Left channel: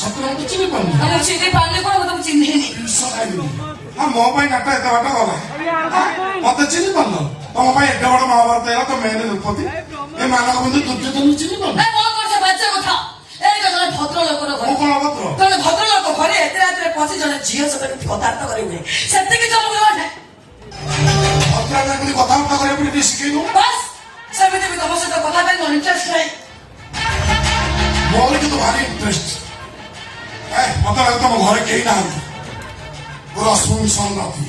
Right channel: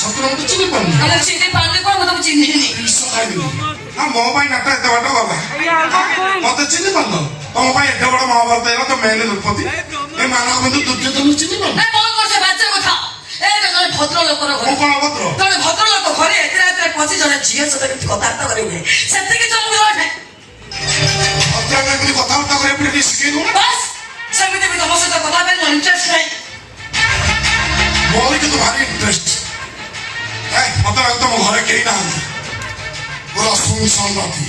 ସତରେ ତୁ ଚିହ୍ନି ପାରୁନି? ଆରେ ଚିହ୍ନି ପାରୁନି କଣ ମୁଁ ତମକୁ ଚିହ୍ନିନି। ବିଷ ଖାଇବିନି। ମୋ ପାଇଁ ନାଟ ଏତେ ବାଟ ଗଲା। ମତେ ଚିହ୍ନି ପାରୁନ? ତମ ପାଇଁ ଏତେ ବଡ ମହାଭାରତ ହେଲା ତ ମେନ୍ ଦ୍ରୌପଦୀ। ଏ ମାନବ ବନ୍ଧୁ ଦୁର୍ଯ୍ୟୋଧନ ଚିହ୍ନି ପାରୁନ? କଣ କରୁଛ ବାଚ୍ଚା କଥା? ଏଇଟା ଜଣେ ଭଦ୍ର ଲୋକର ଘର। ମୁଁ କଣ ଭଦ୍ର? ଜଣେ ଭଦ୍ର ଲୋକ ଘରେ ଏତେ ରାତିରେ ପଶି ଜଣେ ଝିଅ ସହିତ କେମିତି କଥାବାର୍ତ୍ତା କରିବେ ସେତିକି ତମକୁ ଜଣା। ଭଦ୍ର କେମିତି କଥାବାର୍ତ୍ତା କରିବା ଟିକେ ଶିଖେଇ ଦଉନ? ବାସ୍ ସେମିତି ବି ତମ ସହିତ କଥା ପାଇଁ ମୋର ଇଣ୍ଟରେଷ୍ଟ ନାହିଁ। ମୋର କିନ୍ତୁ ଭାରି ଇଣ୍ଟରେଷ୍ଟ। ମତେ ଲାଗେ ତମ ଘରେ କେହି ନାହାନ୍ତି। ମୋର ଅସୁବିଧା ନଥି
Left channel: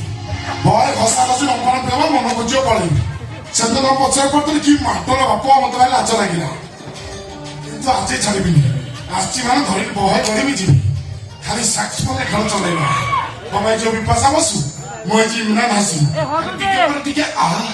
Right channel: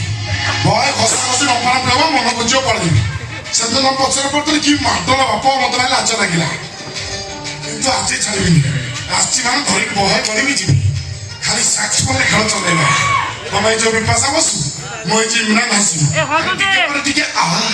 ଭୟ ଘଷା ଘଷି ରମ୍ପାଣ ପ୍ରେମ ମନ ବୁଝିବ ପଳେଇବି। ସେଦିନ ପଛରେ ପଡିଥିଲି କି ମାଡର ବାପ ମତେ ଭାରି ଲାଜ ଲାଗିଲା। କିନ୍ତୁ ଆଜି ଛାଡ଼ିବିନି। ଆସିଛି ମାନେ ଧରିକି ବହେ କରିକି ଯିବି। ଖାଲି ସାକ୍ସଫୋନରେ ଖେଳ ଚଲେଇବା। ତମେ ଯୋଉ ବିପାଶା ବସୁ ମୁଁ ଏଇ ଇମ୍ରାନ ହାସିବି। ଟିକେ ଆହା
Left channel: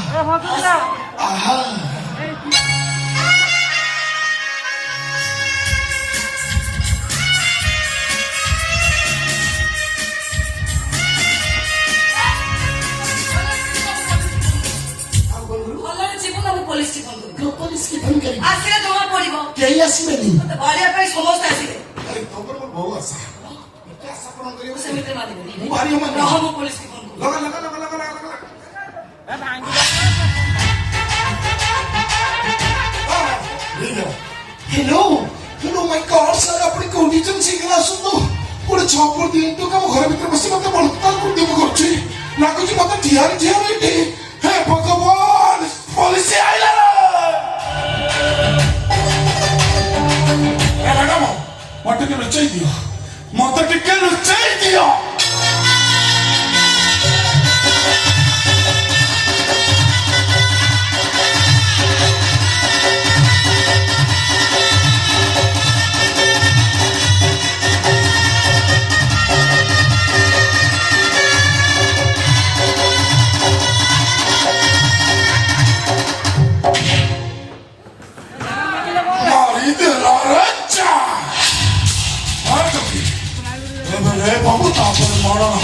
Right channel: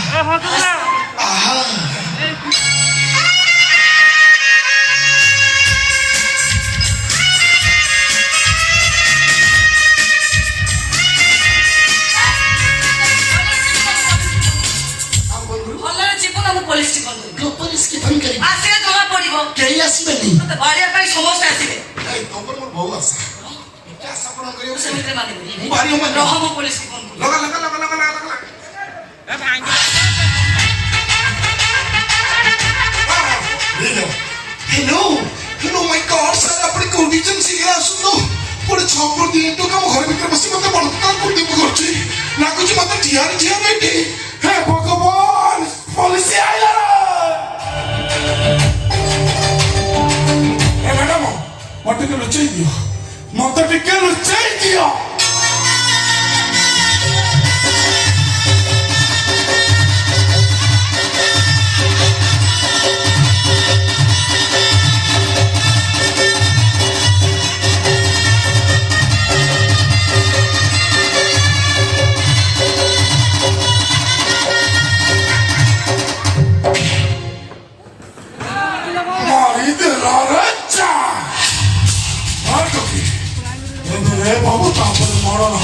ପୋଲିସ ଫୋନ କରିବି। ପୋଲିସ କି ଫୋନ କରିବି? ଆସିଲେ ଜଣା ପଡିବ। କେହି ଆସିବେନି। ମତେ ବାଡିଆ ପାଇଁ ସମସ୍ତେ ଆସିବେ। ତମର ମୋର ବହୁ ଆଶା। ଏତେ ଆଶା ପୂରଣ କରିବାକୁ ସେମିତିରେ ମାନିବନି। ମୁଁ ଭାରି ଅମାନ। ରହ ମୁଁ ପୋଲିସ କି ଫୋନ କରିବି। ଲଗା ଲଗା ଲଗା ଲଗା ଲଗା ଲଗା। Hello hello my God sir आपण कंडिशन शीघ्र आसुनो पुढे छपर दियंतु काम घर भीतर बसी मते बळकार करते मु करछि लागुछि मते ठियार ठियार बेटी हे भगवान पुलिस आइला ए मैडम मते के लुचाई दियो मते टिके लुचाई दियो बाबू तापर मरण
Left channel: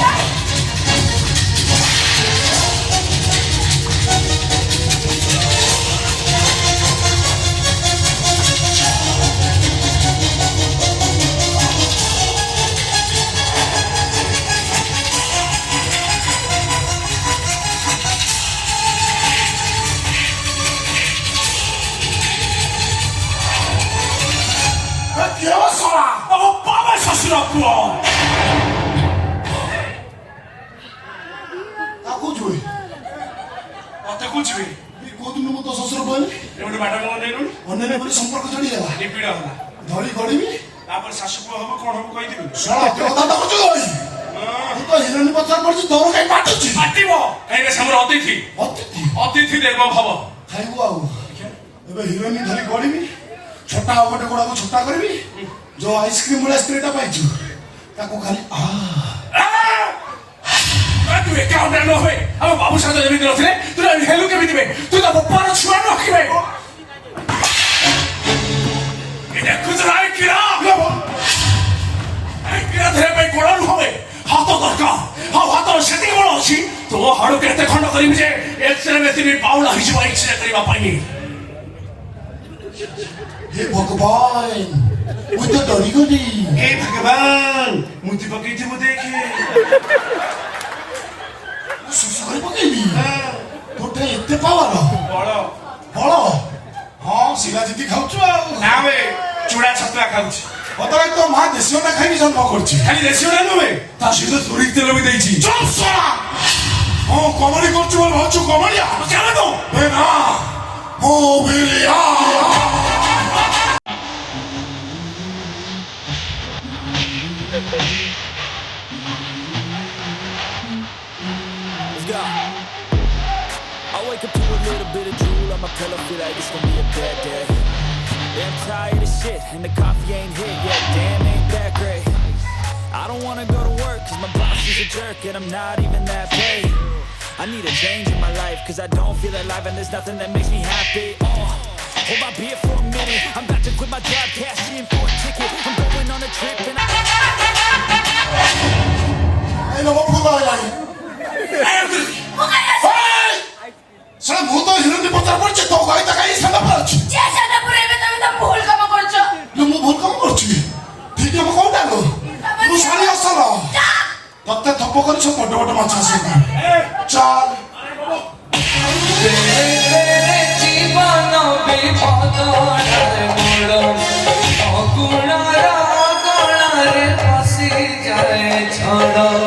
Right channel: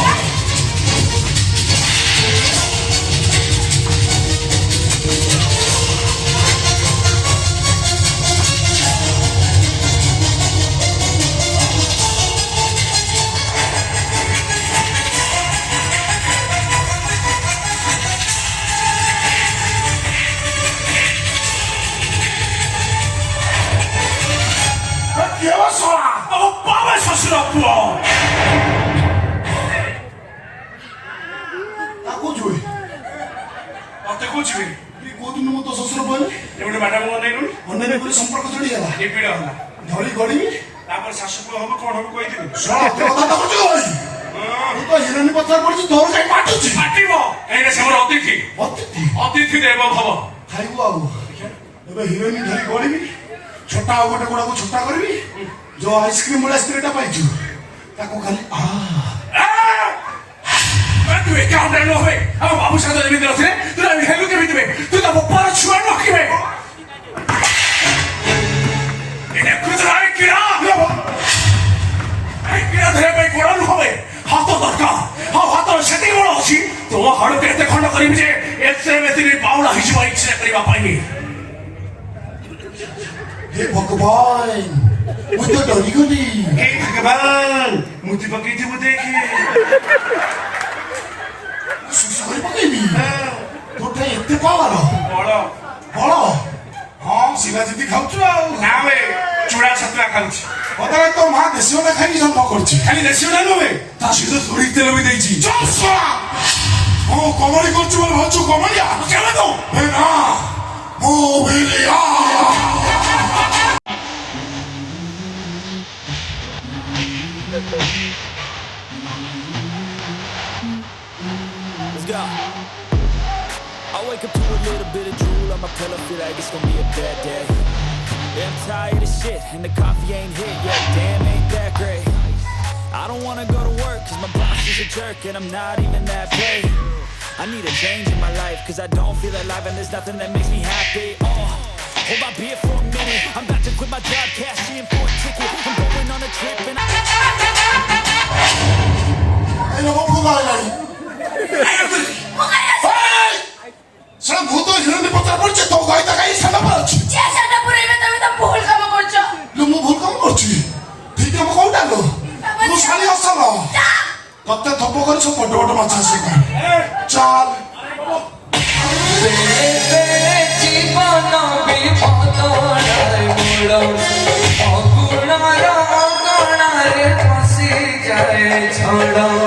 ससुर पुओ संपर्क जोड़ी धरी गड़ी शाशु पुओ हम कौन हम कही तो हिरोनी पचार पड़ी तोर कहीं माटुची माटिबो एने समर अतिथि अतिथि अतिथि देव भव खाइबो आउ एबे हिरोनी धरी गड़ीबी छोटा गोटे गुड़ा को छोटा करबी जो आइसक्रीम वाला स्त्रीटा पाइछु ताको खाली तू एक काम न होए हम बाबू साथ जमीन रथे तू हेलु के दिबे तू तो बपार छुआ न हकिबे एने कुतराय किरा आई किरा धरे पे कोड़न होवे हाथ दरका हाथ सेती बड़ अछि तो हाडु केते खंड करिम जे एक्सरे में तिनी पाउला हिजबा एक्सरे करिबा पाइनी हे भगवान मुझे डरी गई हे भगवान मुझे बगीचे में देखिए सुसारे पकेबी तोटे एते पावर बड़ बड़ हां शिला जीती खाउछु ना बे चूड़ा छतुआ खाउछु पता तो मां देसियो ना खाइबी जन्म करछि खाली देसियो ना नबे ता सीधे सोरी तेल भी देछि चलसा हां कमरी करछु बोल भाछु कमरिया चला तो हे ना ओ भेलिया Let's go. I wake up to a little bit of drool on my pillow, feel like it's gonna be a bad day. Yeah, I'm tired of shit, and the coffee ain't hit yet, damn, ain't that great. I don't wanna go to work, cause my boss is a jerk, and I'm not even that paid. I need a change in my life, cause I don't feel alive, and there's nothing that makes me happy. Hold my beer for a minute, I'm about to quit my job, cash in for a ticket. I'm going on a trip, and साला भूत हिरोनी पचार पड़ছে তো গাই তাকাই সালা পড়ছে যে সালা পড়ে তুমি তো ভুল কাম করছো লু মু ভুল কাম করছি ঠিক আছে কোনটা গো ଗପ କରି ସବୁ ବଡ ବଡ ମାଛ ଆସିବ ଚାଲ ଜୀବନ ବିପଦରେ ଅଗୁଣର ଅଗଣାରେ ପଶିଯାଏ ଛଡ଼